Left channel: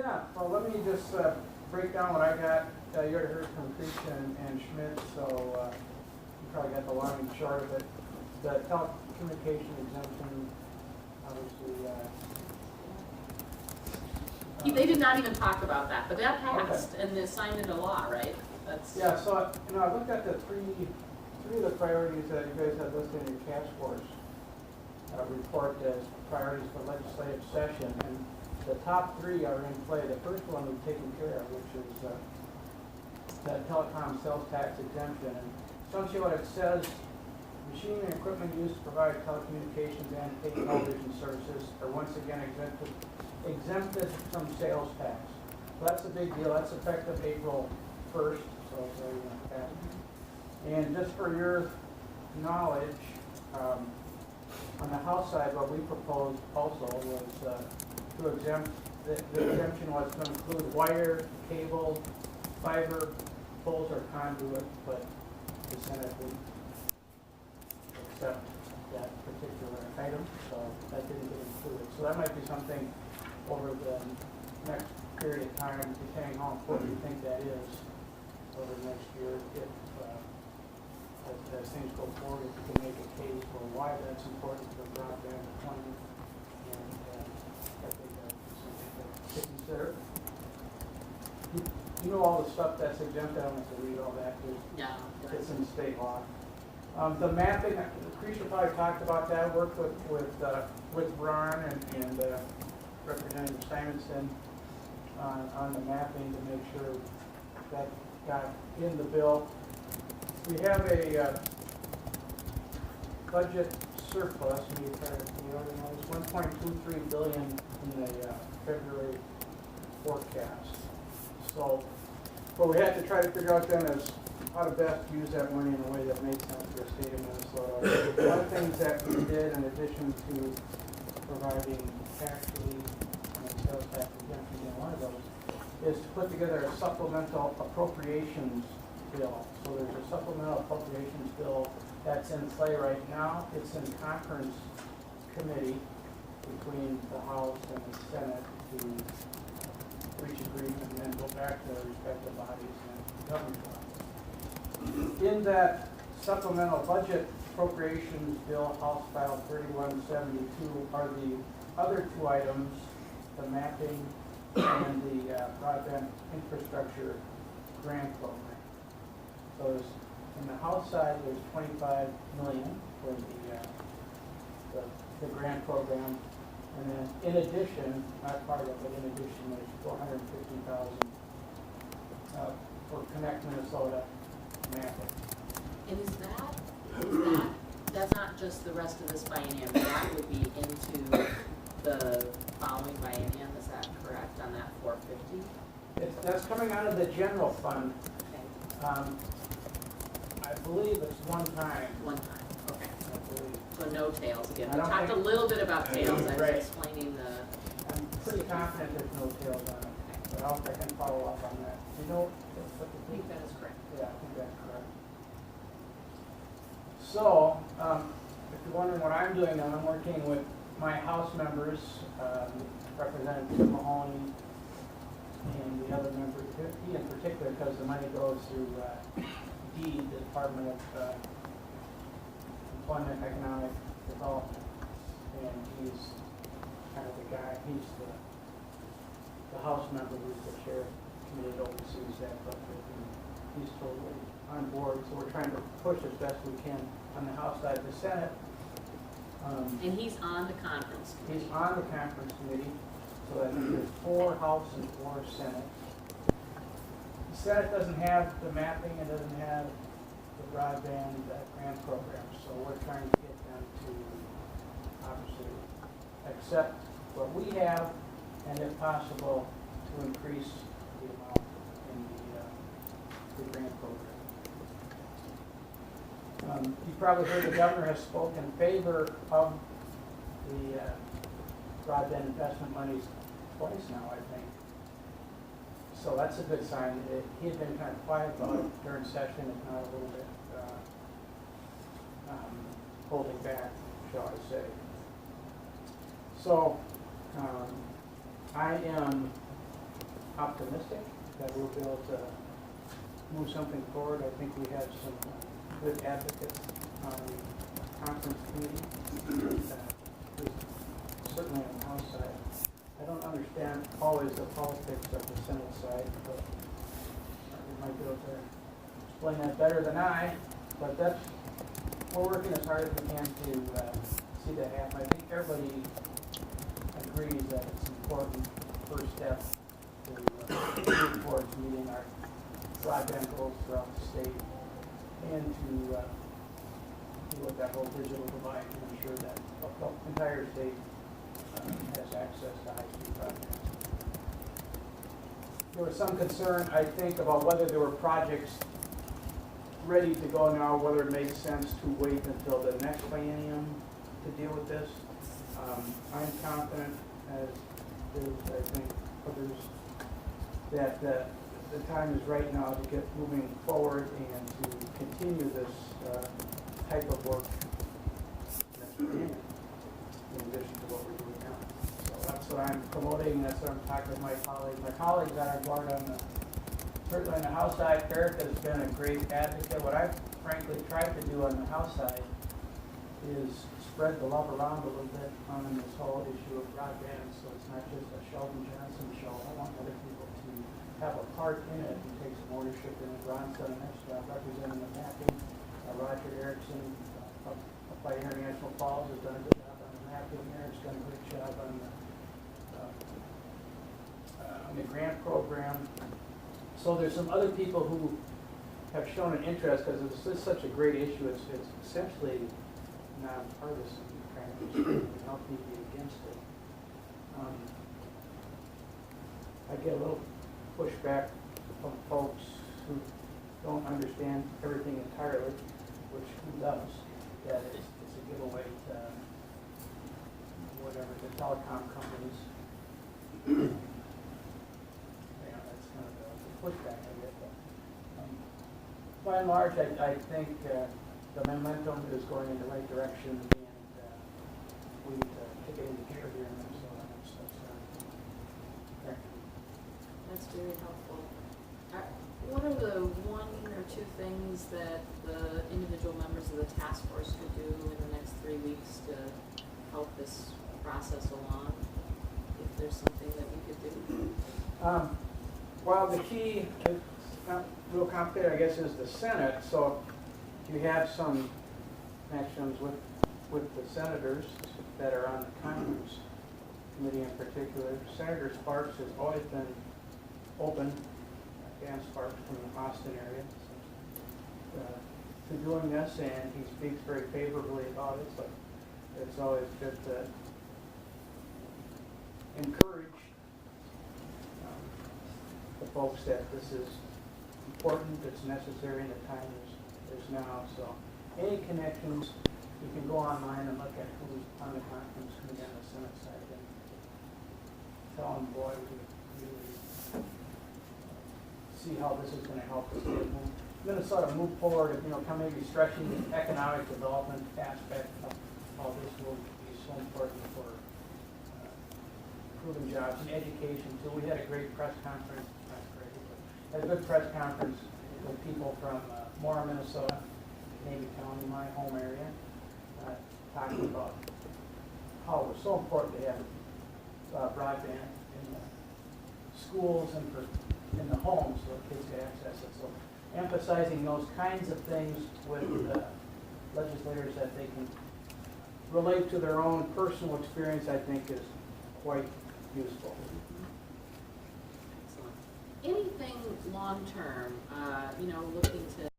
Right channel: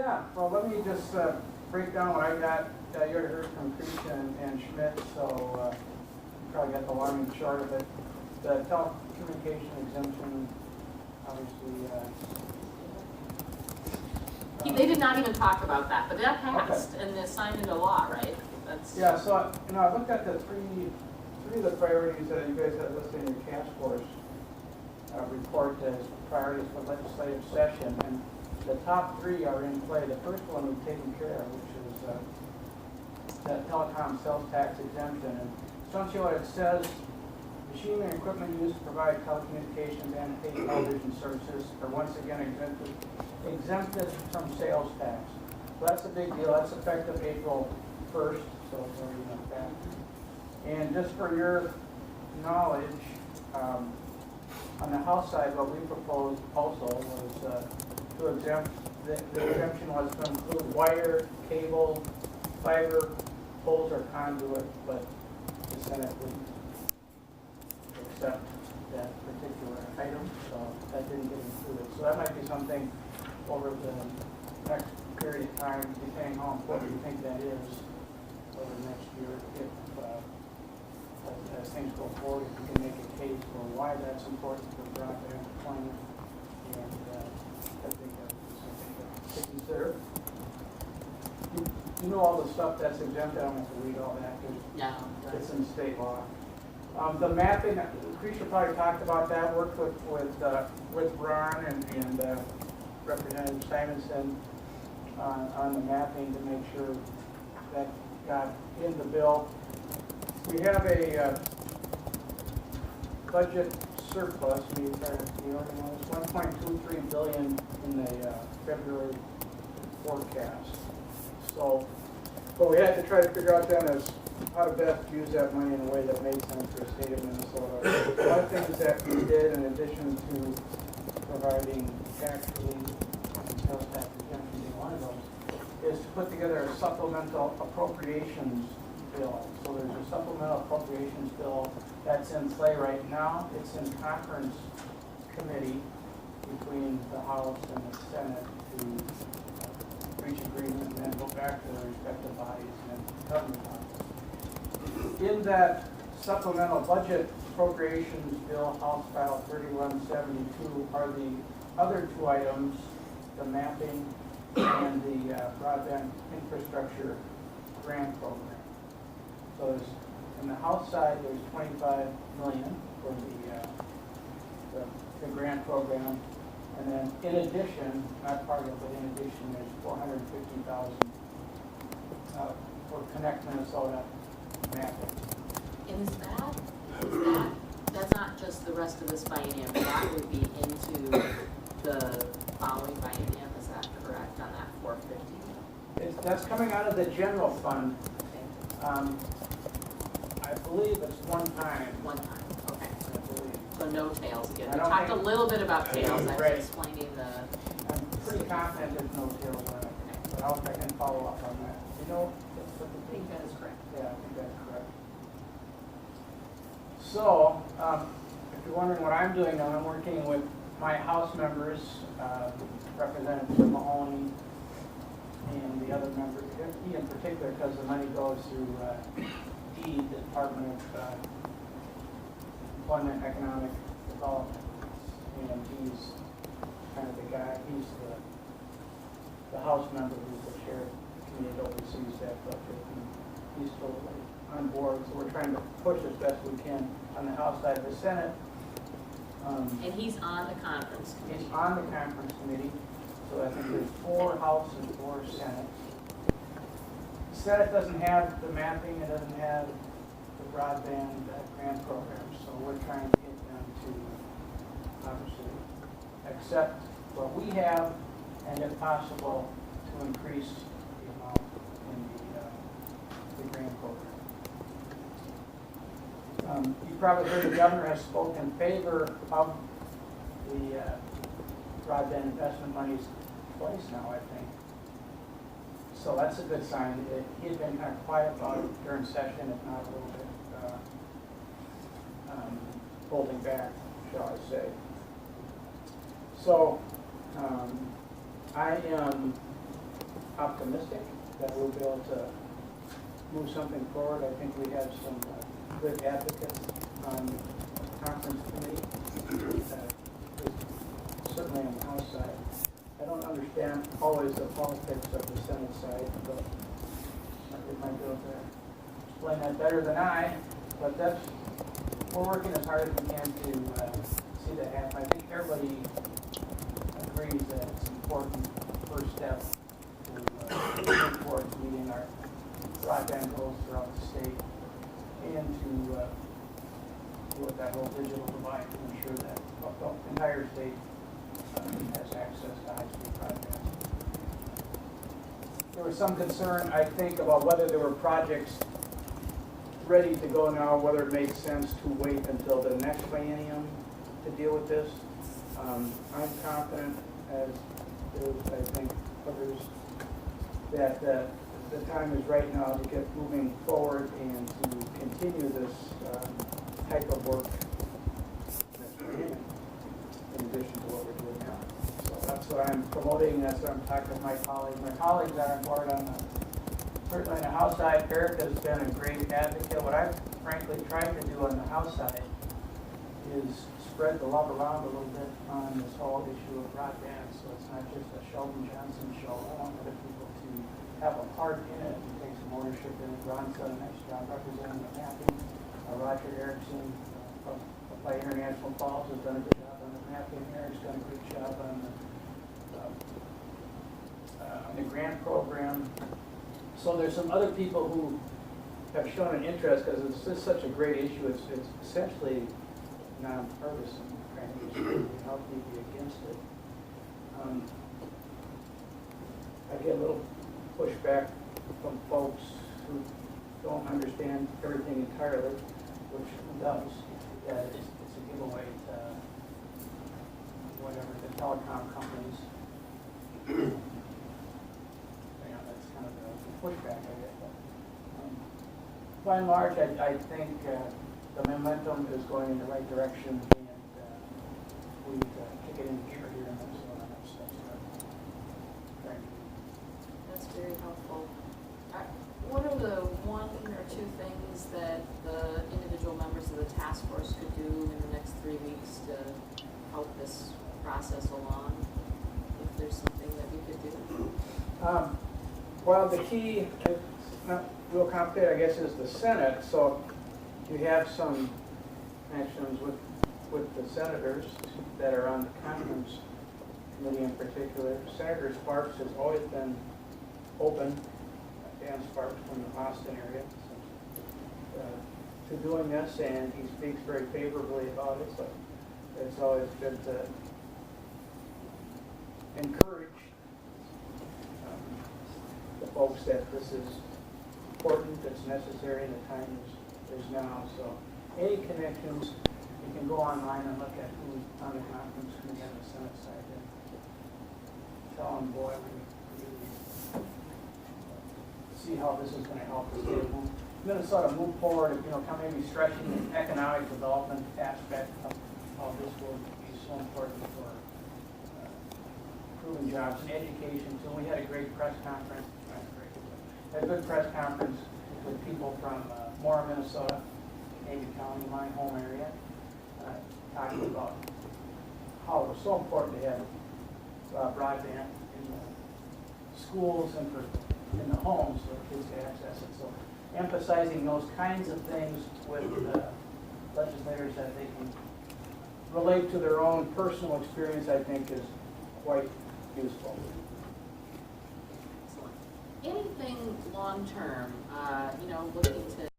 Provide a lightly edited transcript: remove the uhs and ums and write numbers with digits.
Yeah, well, let me just break down what I got. You already heard from Christian and Schmidt, so you probably got the long and short of it. The telecommunication exemption, obviously. They did not even talk about that, but that passed and they signed into law, right? Yeah, so I looked at the three of the priorities that you guys have listed in your task force report as priorities for legislative session, and the top three are in play. The first one we've taken care of, which is the telecom sales tax exemption. And essentially what it says, machinery and equipment used to provide telecommunications and cable television services are once again exempted from sales tax. So that's a big deal. That's effective April 1st, so it's already in effect. And just for your knowledge, on the House side, what we proposed also was to exempt, the exemption was to include wire, cable, fiber, poles, or conduit, but the Senate would accept that particular item, so that didn't get included. So that might be something over the next period of time, depending how important you think that is over the next year, if as things go forward, if you can make a case for why that's important for broadband deployment, and I think that's something to consider. You know all the stuff that's exempted. I don't have to read all that. It's in state law. The mapping, Creature probably talked about that. Worked with Ron and Representative Simonson on the mapping to make sure that got in the bill. We have a budget surplus. We already know it's $1.23 billion in the February forecast. So what we had to try to figure out then is how to best use that money in a way that made sense for the state of Minnesota. One of the things that we did, in addition to providing tax relief and sales tax exemption being one of those, is to put together a supplemental appropriations bill. So there's a supplemental appropriations bill that's in play right now. It's in conference committee between the House and the Senate to reach agreement and then go back to their respective bodies and government bodies. In that supplemental budget appropriations bill, House File 3172, are the other two items, the mapping and the broadband infrastructure grant program. So in the House side, there's $25 million for the grant program, and then in addition, not part of it, but in addition, there's $450,000 for Connect Minnesota mapping. And that's not just the rest of this biennium, that would be into the following biennium, is that correct, on that 450? That's coming out of the general fund. Okay. I believe it's one time. One time, okay. So no tails again. We talked a little bit about tails. I was explaining the... I'm pretty confident there's no tails on it, but I can follow up on that. You know? I think that is correct. Yeah, I think that's correct. So, if you're wondering what I'm doing now, I'm working with my House members, Representative Mahoney, and the other members, he in particular, because the money goes to the Department of Employment and Economic Development, and he's kind of the guy, he's the House member who's the chair committee that oversees that budget, and he's totally on board, so we're trying to push as best we can on the House side. Of the Senate, and he's on the conference committee. He's on the conference committee, so I think there's 4 House and 4 Senate. The Senate doesn't have the mapping, it doesn't have the broadband grant program, so we're trying to get them to obviously accept what we have, and if possible, to increase the amount in the grant program. You probably heard the governor has spoken in favor of the broadband investment monies twice now, I think. So that's a good sign. He's been kind of quiet about it during session, if not a little bit holding back, shall I say. So I am optimistic that we'll be able to move something forward. I think we have some good advocates on the conference committee, certainly on the House side. I don't understand always the politics of the Senate side, but they might be able to explain that better than I. But we're working as hard as we can to see that happen. I think everybody agrees that it's an important first step to move towards meeting our broadband goals throughout the state and to do what that whole digital divide to ensure that the entire state has access to high-speed broadband. There was some concern, I think, about whether there were projects ready to go now, whether it made sense to wait until the next biennium to deal with this. I'm confident, as do I think others, that the time is right now to get moving forward and to continue this type of work in addition to what we're doing now. So that's what I'm promoting, that's what I'm talking to my colleagues. My colleagues are on board certainly on the House side. Eric has been a great advocate. What I've frankly tried to do on the House side is spread the love around a little bit on this whole issue of broadband. So it's not just a Sheldon Johndon show. I want other people to have a part in it and take some ownership in it. Ron's done a nice job representing the mapping. Roger Erickson up by International Falls has done a good job on the mapping here. He's done a good job on the grant program. So there's some other people who have shown an interest because this is such a great issue. It's essentially nonpartisan, right? How can you be against it? I get a little pushback from folks who don't understand everything entirely, which who does? That it's a giveaway to whatever the telecom companies. That's kind of a pushback I get. But, by and large, I think the momentum is going in the right direction, and we need to kick it into gear here in Minnesota. That's very helpful. What are the one or two things that the individual members of the task force could do in the next 3 weeks to help this process along? If there's something that we could do? Well, the key, it's not real complicated, I guess, is the Senate. So you have some connections with the senators that are on the conference committee in particular. Senator Sparks has always been open, Dan Sparks from the Austin area, to doing this, and he speaks very favorably about it. So it's always good to encourage the folks that this is important, it's necessary, the time is now. So any connections, you can go online and look at who's on the conference committee on the Senate side and tell them, boy, we really see how this is going to help us Minnesota move forward, come maybe stretching the economic development aspect of how this will be so important for improving jobs and education. So we had a great press conference, had a good press conference with people from Moore, Minnesota, Navy County, my home area, talking about how it was so important to have broadband in the schools and in the homes for kids to access it. So emphasizing those kinds of things with legislators that they can relate to their own personal experience, I think, is quite useful. Anything long-term, looking to